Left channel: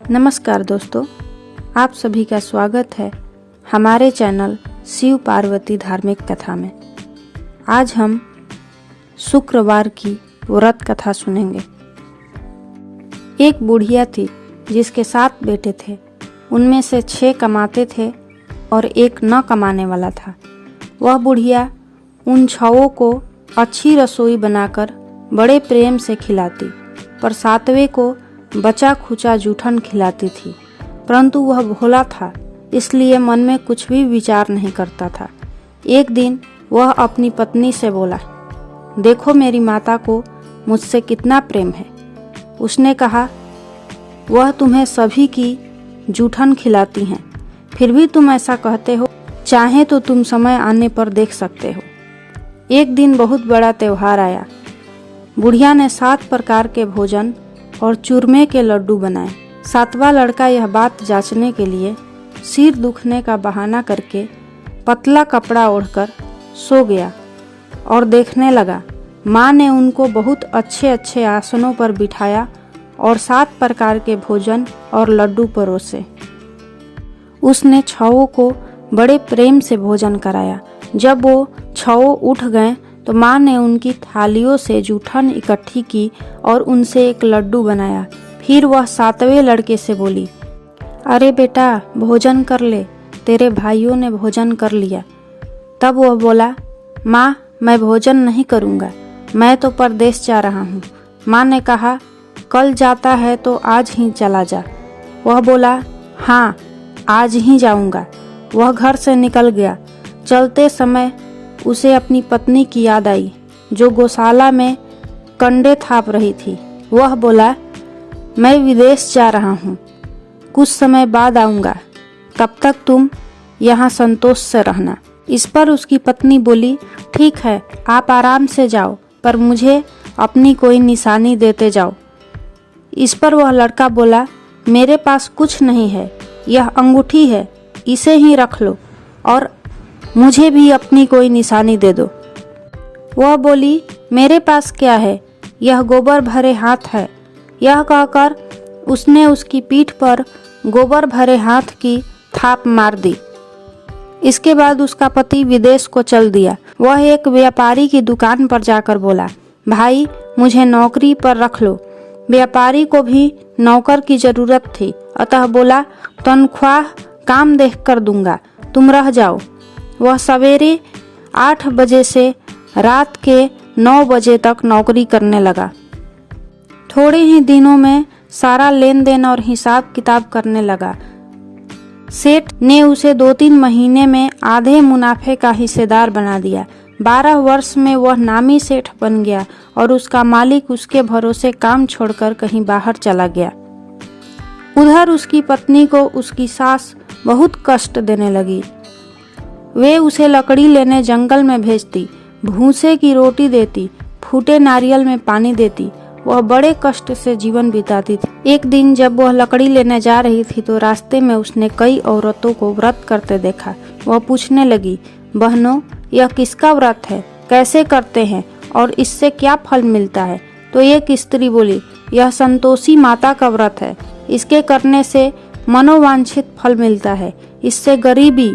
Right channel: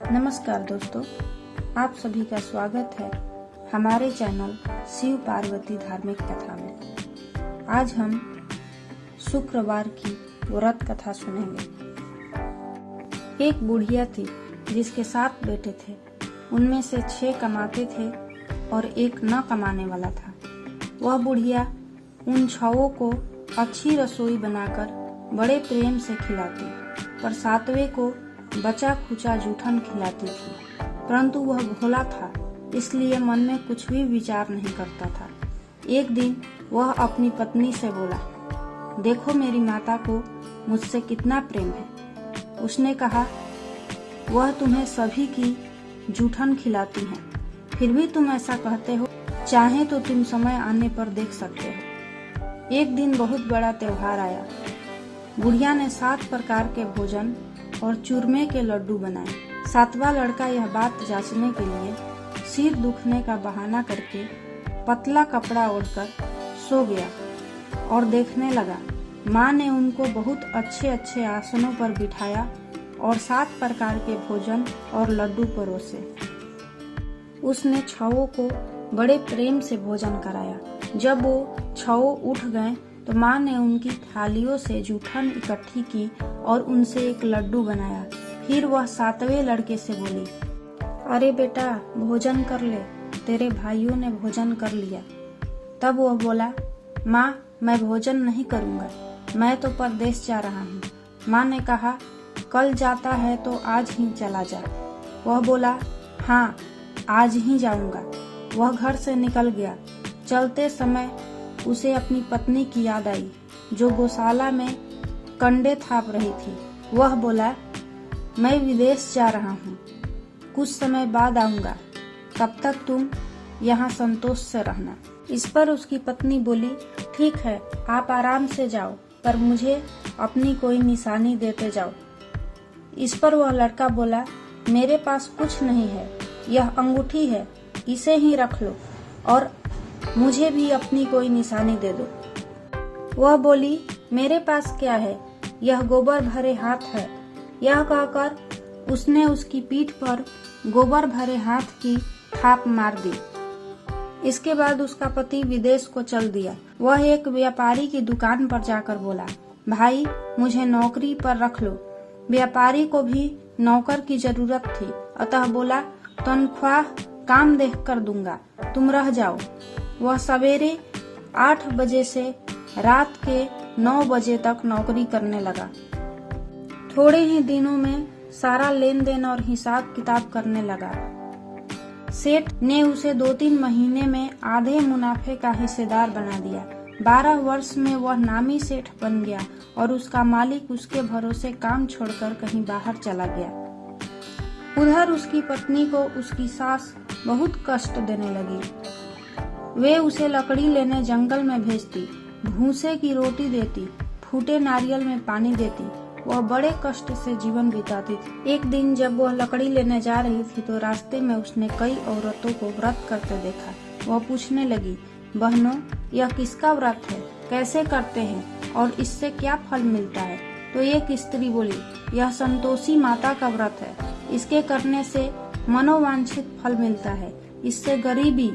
नमस्कार दोस्तों, आप सभी का स्वागत है हमारे चैनल शिव पार्वती धार्मिक कथा में। आज हम शुक्रवार की व्रत कथा सुनेंगे। एक बुढ़िया थी जिसके 7 बेटे थे। उनमें से 6 कमाते थे और एक न कमाने वाला था। वह बुढ़िया उन 6 को अच्छी रसोई बनाकर बड़े प्रेम से खिलाती, पर 7वें को बचा खुचा जूठन खिलाती थी। परंतु वह भोला था, इसलिए मन में कुछ भी विचार नहीं करता था। एक दिन वह अपनी पत्नी से बोला, देखो मेरी माता को मुझसे कितना प्रेम है। उसने कहा, वह तुम्हें सभी की जूठन खिलाती हैं, फिर भी तुम ऐसा कहते हो। चाहे तो तुम समय आने पर देख सकते हो। एक दिन बहुत बड़ा त्योहार आया। बुढ़िया ने 7 प्रकार के भोजन और चूरमे के लड्डू बनाए। 7वां लड़का यह बात जांचने के लिए सिर दुखने का बहाना करके पतला कपड़ा ओढ़कर सो गया और देखने लगा। माँ ने उनको बहुत अच्छे अच्छे आसनों पर बिठाया और 7 प्रकार के भोजन और लड्डू परोसे। उसने 6 को बड़े प्रेम से भोजन कराया। जब वो 6 उठ गए तो माँ ने उनकी थालियों से जूठन इकट्ठी की और उनसे एक लड्डू बनाया। फिर वह 7वें लड़के से बोली, अरे बेटा भोजन कर ले, तेरे भाइयों ने भोजन कर लिया। तब वह बोला, माँ मैं भोजन नहीं करूँगा, मैं तो परदेश जा रहा हूँ। माँ ने कहा, कल जाता है तो आज ही चला जा। वह बोला, हाँ आज ही जाऊँगा। वह घर से निकल गया। चलते समय उसे अपनी पत्नी की याद आई, जो गौशाला में कंडे थाप रही थी। वह बोला, मैं विदेश जा रहा हूँ, कुछ समय बाद आऊँगा, तब तक तुम यहाँ संतोष से रहना। इस पर उसकी पत्नी बोली, ठीक है आप आराम से जाओ, पर मुझे अपनी कोई निशानी देते जाओ। इस पर वह लड़का बोला, मेरे पास कुछ नहीं है, यह अंगूठी है, इसे ही रख लो और मुझे भी अपनी कोई निशानी दे दो। वह बोली, मेरे पास क्या है, यह गोबर भरे हाथ है। यह कहकर उसने उसकी पीठ पर गोबर भरे हाथ की थाप मार दी। इसके बाद उसका पति विदेश को चल दिया। वह एक व्यापारी की दुकान पर जाकर बोला, भाई मुझे नौकरी पर रख लो। व्यापारी को भी नौकर की जरूरत थी, अतः बोला, तनख्वाह काम देख कर दूंगा, तुम रह जाओ। वह सवेरे 8 बजे से रात के 9 बजे तक नौकरी करने लगा। थोड़े ही दिनों में सारा लेन देन और हिसाब किताब करने लगा। सेठ ने उसे 2-3 महीने में आधे मुनाफे का हिस्सेदार बना दिया। 12 वर्ष में वह नामी सेठ बन गया और उसका मालिक उसके भरोसे काम छोड़कर कहीं बाहर चला गया। उधर उसकी पत्नी को उसकी सास बहुत कष्ट देने लगी। वे उसे लकड़ी लेने जंगल में भेजती, भूसे की रोटी देती, फूटे नारियल में पानी देती। वह बड़े कष्ट से जीवन बिताती थी। एक दिन जब वह लकड़ी लेने जा रही थी तो रास्ते में उसने कई औरतों को व्रत करते देखा। वह पूछने लगी, बहनों यह किसका व्रत है, कैसे करते हैं और इससे क्या फल मिलता है? तो एक स्त्री बोली, यह संतोषी माता का व्रत है, इसके करने से मनोवांछित फल मिलता है। इससे गरीबी,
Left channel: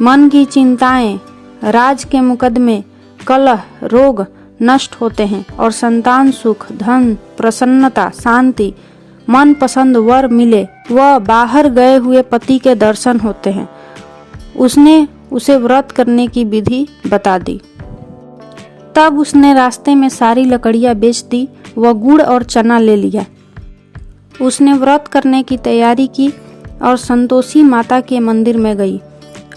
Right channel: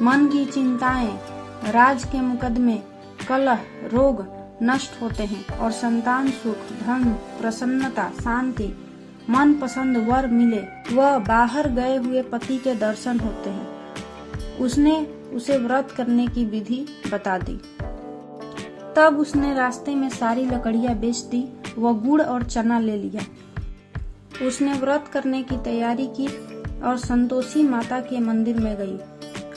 मन की चिंताएं, राज के मुकदमे, कलह, रोग नष्ट होते हैं और संतान सुख, धन, प्रसन्नता, शांति, मन पसंद वर मिले, वह बाहर गए हुए पति के दर्शन होते हैं। उसने उसे व्रत करने की विधि बता दी। तब उसने रास्ते में सारी लकड़ियां बेच दी। वह गुड़ और चना ले लिया। उसने व्रत करने की तैयारी की और संतोषी माता के मंदिर में गई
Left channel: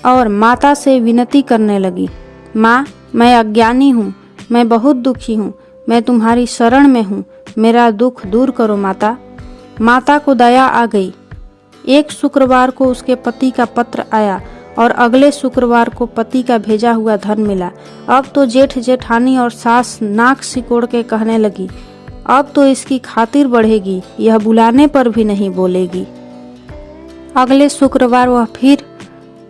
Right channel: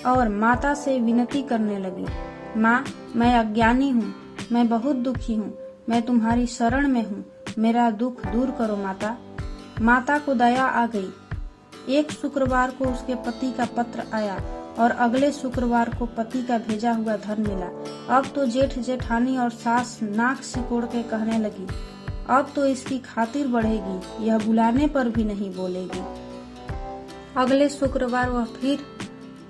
और माता से विनती करने लगी, माँ मैं अज्ञानी हूँ, मैं बहुत दुखी हूँ, मैं तुम्हारी शरण में हूँ, मेरा दुख दूर करो माता। माता को दया आ गई। एक शुक्रवार को उसके पति का पत्र आया और अगले शुक्रवार को पति का भेजा हुआ धन मिला। अब तो जेठ जेठानी और सास नाक सिकोड़ के कहने लगी, अब तो इसकी खातिर बढ़ेगी, यह बुलाने पर भी नहीं बोलेगी। अगले शुक्रवार वह फिर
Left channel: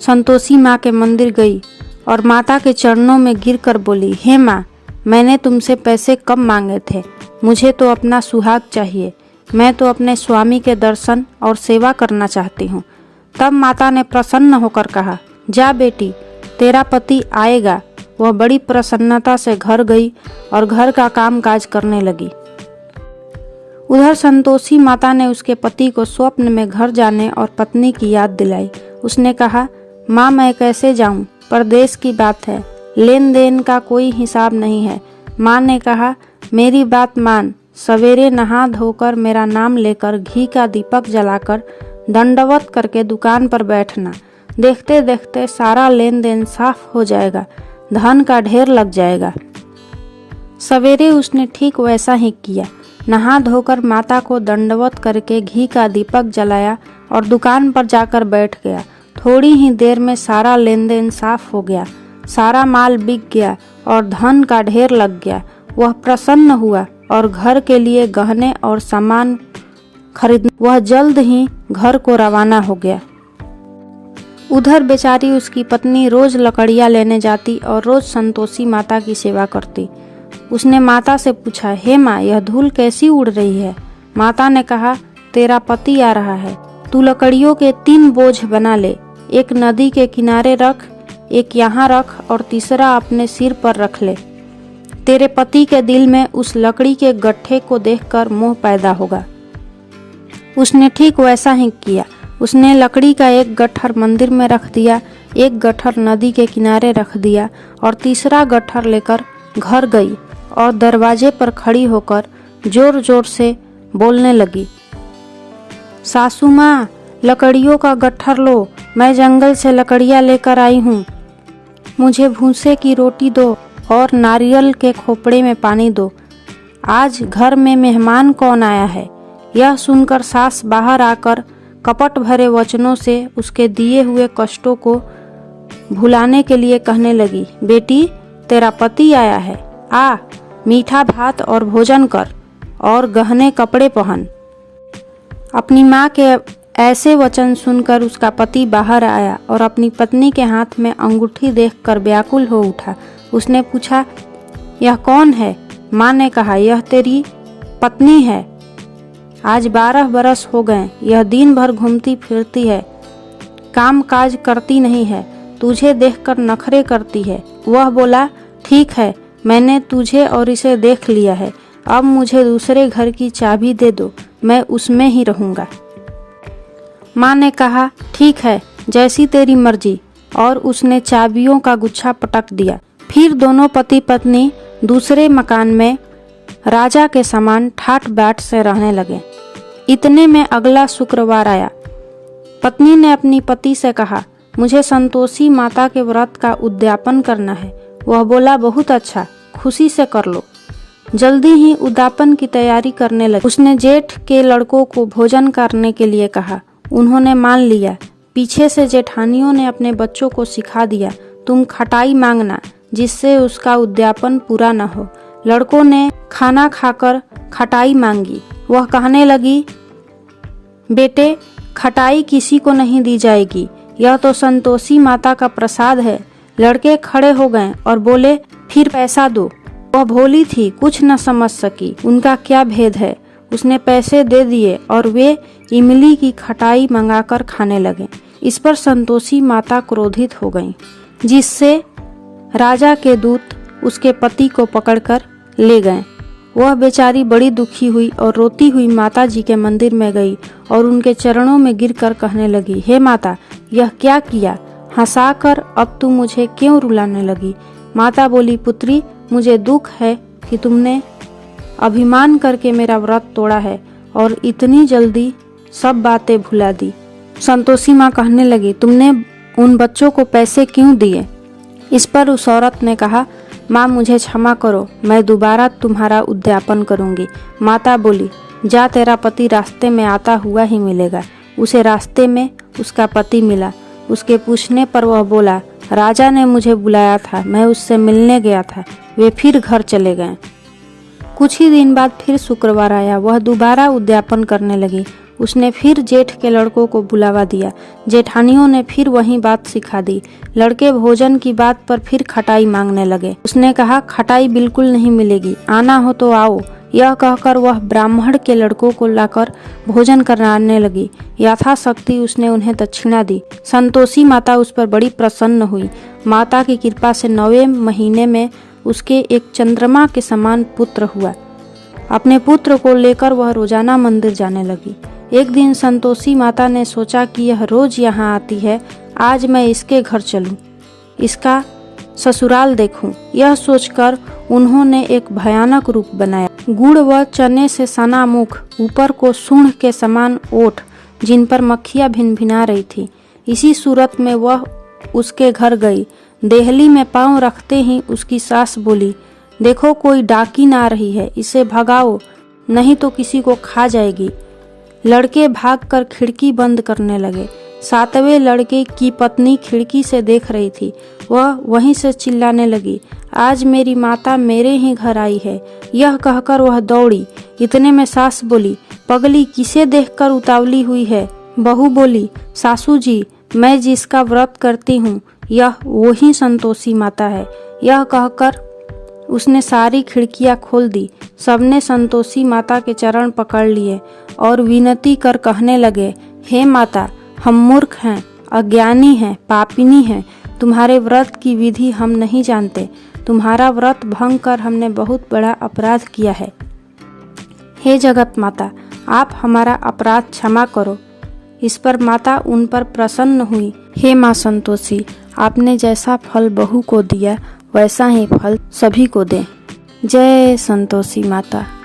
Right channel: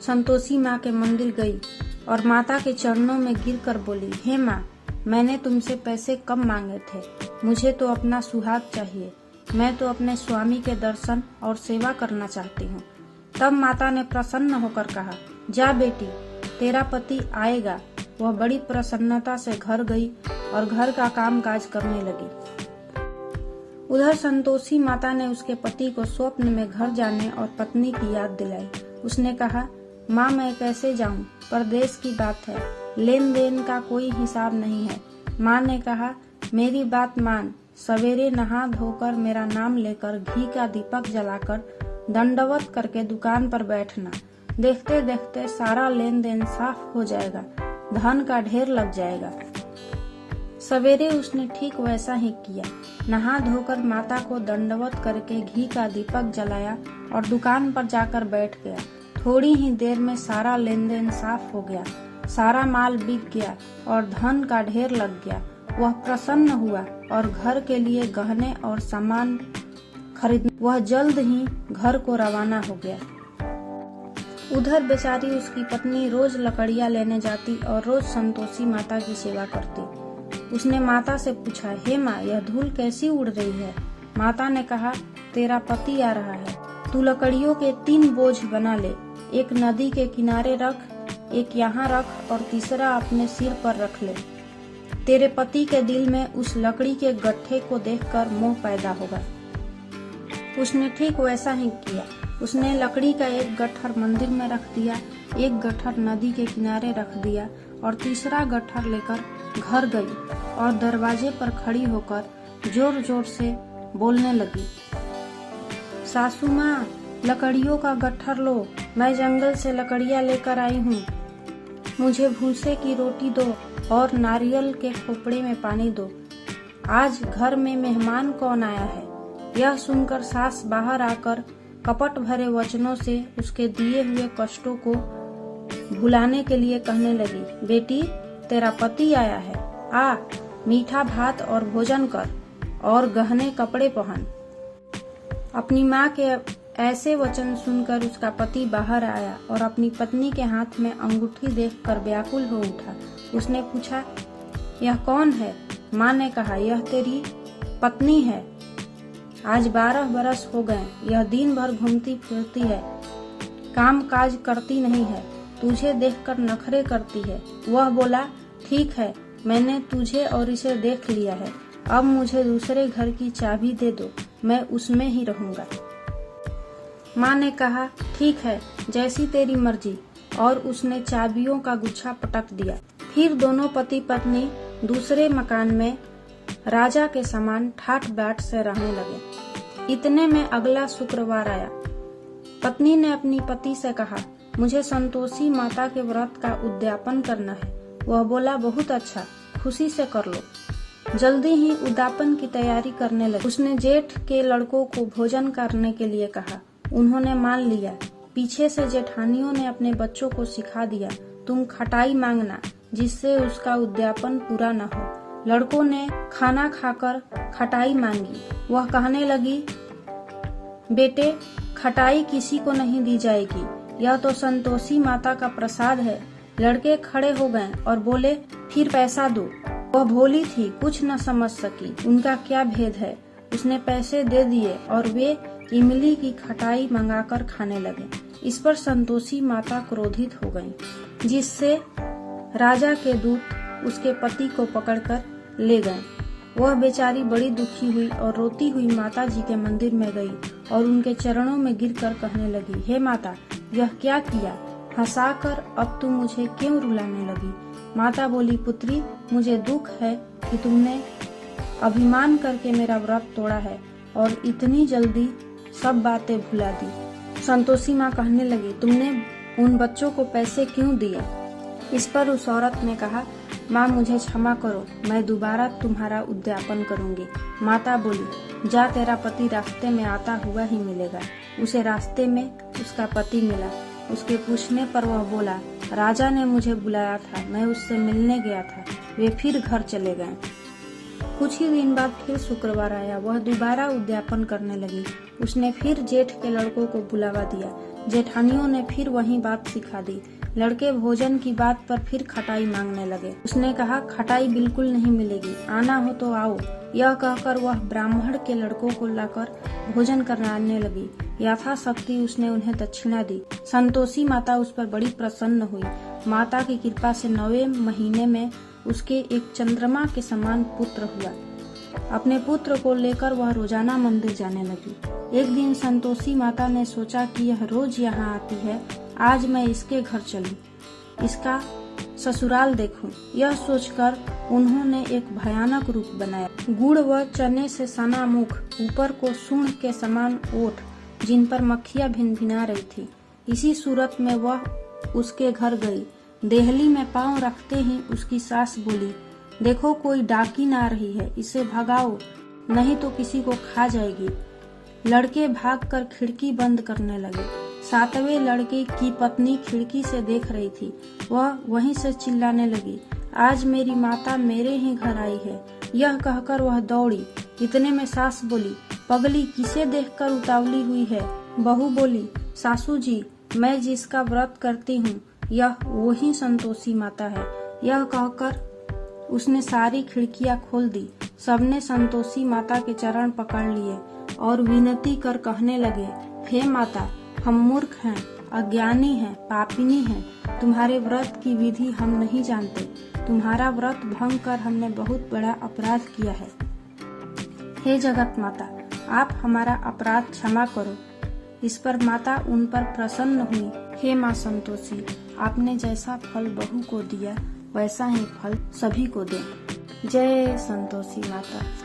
संतोषी माँ के मंदिर गई और माता के चरणों में गिरकर बोली, हे माँ, मैंने तुमसे पैसे कम मांगे थे, मुझे तो अपना सुहाग चाहिए। मैं तो अपने स्वामी के दर्शन और सेवा करना चाहती हूँ। तब माता ने प्रसन्न होकर कहा, जा बेटी, तेरा पति आएगा। वह बड़ी प्रसन्नता से घर गई और घर का काम काज करने लगी। उधर संतोषी माता ने उसके पति को स्वप्न में घर जाने और पत्नी की याद दिलाई। उसने कहा, माँ मैं कैसे जाऊं, परदेश की बात है, लेन देन का कोई हिसाब नहीं है। माँ ने कहा, मेरी बात मान, सवेरे नहा धोकर मेरा नाम लेकर घी का दीपक जलाकर दंडवत करके दुकान पर बैठना। देखते देखते सारा लेन देन साफ हो जाएगा, धन का ढेर लग जाएगा। सवेरे उसने ठीक वैसा ही किया। नहा धोकर माता को दंडवत करके घी का दीपक जलाया और दुकान पर जाकर बैठ गया। थोड़ी ही देर में सारा लेन देन साफ हो गया, सारा माल बिक गया और धन का ढेर लग गया। वह प्रसन्न हुआ और घर के लिए गहने और सामान खरीद वह जल्द ही घर को रवाना हो गया। उधर बेचारी उसकी पत्नी रोज लकड़ियाँ लेने जाती और रोज संतोषी माता की सेवा करती। उसने माता से पूछा, हे माँ, यह धूल कैसी उड़ रही है? माता ने कहा, तेरा पति आ रहा है, तू लकड़ियों के 3 बोझ बना ले, एक नदी के किनारे रख, एक यहाँ रख और तीसरा अपने सिर पर रख ले। तेरे पति के दिल में उस लकड़ी के गट्ठे को देखकर मोह पैदा होगा। उसने ठीक वैसा ही किया। उसने लकड़ी का एक गट्ठर मंदिर में रख दिया, एक गट्ठर नदी के किनारे रख दिया और तीसरा गट्ठर लेकर घर गई और दरवाजे पर खड़ी होकर जोर जोर से बोलने लगी, सासू माँ, लकड़ियों का गट्ठर लो, मैं जंगल से लकड़ियाँ लेकर आई हूँ। मुझे भूसे की रोटी दो और नारियल के खोपड़े में पानी दो। आज घर में मेहमान कौन आया है? यह सुनकर सास बाहर आकर कपट भरे वचनों से उसके दिए हुए कष्टों को भुलाने के लिए कहने लगी, बेटी, तेरा पति आया है, आ, मीठा भात और भोजन कर और गहने कपड़े पहन। अपनी माँ के ऐसे वचन सुनकर उसका पति बाहर आया और अपनी पत्नी के हाथ में अंगूठी देखकर व्याकुल हो उठा। उसने पूछा, यह कौन है? माँ ने कहा, यह तेरी पत्नी है। आज 12 बरस हो गए, यह दिन भर घूमती फिरती है, काम काज करती नहीं है, तुझे देखकर नखरे करती है। वह बोला, ठीक है, मैंने तुझे और इसे देख लिया है, अब मुझे दूसरे घर की चाबी दे दो, मैं उसमें ही रहूँगा। माँ ने कहा, ठीक है, जैसी तेरी मर्जी, और उसने चाबियों का गुच्छा पटक दिया। फिर दोनों पति पत्नी दूसरे मकान में राजा के समान ठाट बाट से रहने लगे। इतने में अगला शुक्रवार आया। पत्नी ने अपनी पति से कहा, मुझे संतोषी माता के व्रत का उद्यापन करना है। वह बोला, बहुत अच्छा, खुशी से कर लो। जल्दी ही उद्यापन की तैयारी करने लगी। उसने जेठ के लड़कों को भोजन करने के लिए कहा। उन्होंने मान लिया। पीछे से जेठानियों ने अपने बच्चों को सिखा दिया, तुम खटाई मांगना, जिससे उसका उद्यापन पूरा न हो। लड़कों ने खाना खाकर खटाई मांगी। वह कहने लगी, बेटे, खटाई किसी को नहीं दी जाएगी, यह तो संतोषी माता का प्रसाद है। लड़के खड़े हो गए और बोले, फिर पैसा दो। वह भोली थी, कुछ न समझ सकी उनका क्या भेद है। उसने पैसे दे दिए और वे इमली की खटाई मंगाकर खाने लगे। इस पर संतोषी माता क्रोधित हो गईं, जिससे राजा के दूत उसके पति को पकड़कर ले गए। वह बेचारी बड़ी दुखी हुई और रोती हुई माता जी के मंदिर में गई और उनके चरणों में गिरकर कहने लगी, हे माता, यह क्या किया? हंसाकर अब तुम मुझे क्यों रुलाने लगी? माता बोली, पुत्री, मुझे दुख है कि तुमने अभिमान करके मेरा व्रत तोड़ा है और इतनी जल्दी सब बातें भुला दी। संतोषी माँ कहने लगी, तुमने उन बच्चों को पैसे क्यों दिए? इस पर उस औरत ने कहा, माँ मुझे क्षमा करो, मैं दोबारा तुम्हारा उद्यापन करूंगी। माता बोली, जा, तेरा पति रास्ते में आता हुआ ही मिलेगा। उसे रास्ते में उसका पति मिला। उसके पूछने पर वह बोला, राजा ने मुझे बुलाया था, मैं उससे मिलने गया था। वे फिर घर चले गए। कुछ ही दिन बाद फिर शुक्रवार आया। वह दोबारा उद्यापन करने लगी। उसने फिर जेठ के लड़कों को बुलावा दिया। जेठानियों ने फिर वही बात सिखा दी। लड़के भोजन की बात पर फिर खटाई मांगने लगे। उसने कहा, खटाई बिल्कुल नहीं मिलेगी, आना हो तो आओ, यह कहकर वह ब्राह्मण के लड़कों को लाकर भोजन कराने लगी। यथाशक्ति उसने उन्हें दक्षिणा दी। संतोषी माता उस पर बड़ी प्रसन्न हुई। माता की कृपा से 9वें महीने में उसके एक चंद्रमा के समान पुत्र हुआ। अपने पुत्र को लेकर वह रोजाना मंदिर जाने लगी। एक दिन संतोषी माता ने सोचा कि यह रोज यहाँ आती है, आज मैं इसके घर चलूं, इसका ससुराल देखूं। यह सोचकर उन्होंने एक भयानक रूप बनाया। गुड़ व चने से सना मुख, ऊपर को सूंड के समान ओठ, जिन पर मक्खियां भिनभिना रही थी। इसी सूरत में वह उसके घर गई। देहली में पांव रखते ही उसकी सास बोली, देखो कोई डाकिन आ रही है, इसे भगाओ, नहीं तो किसी को खा जाएगी। लड़के भागकर खिड़की बंद करने लगे। 7वें लड़के की पत्नी खिड़की से देख रही थी। वह वहीं से चिल्लाने लगी, आज मेरी माता मेरे ही घर आई है। यह कहकर वह दौड़ी। इतने में सास बोली, पगली किसे देखकर उतावली हुई है? बहू बोली, सासू जी, मैं जिसका व्रत करती हूँ यह वही संतोषी माता है। यह कहकर उसने सारी खिड़कियां खोल दी। सबने संतोषी माता के चरण पकड़ लिए और विनती कर कहने लगे, हे माता, हम मूर्ख हैं, अज्ञानी हैं, पापिनी हैं। तुम्हारे व्रत की विधि हम नहीं जानते। तुम्हारा व्रत भंग कर हमने बहुत बड़ा अपराध किया है। हे जगत माता, आप हमारा अपराध क्षमा करो। इस पर माता उन पर प्रसन्न हुई। हे माँ संतोषी, आपने जैसा फल बहू को दिया वैसा ही फल सभी को दें। जय संतोषी माता।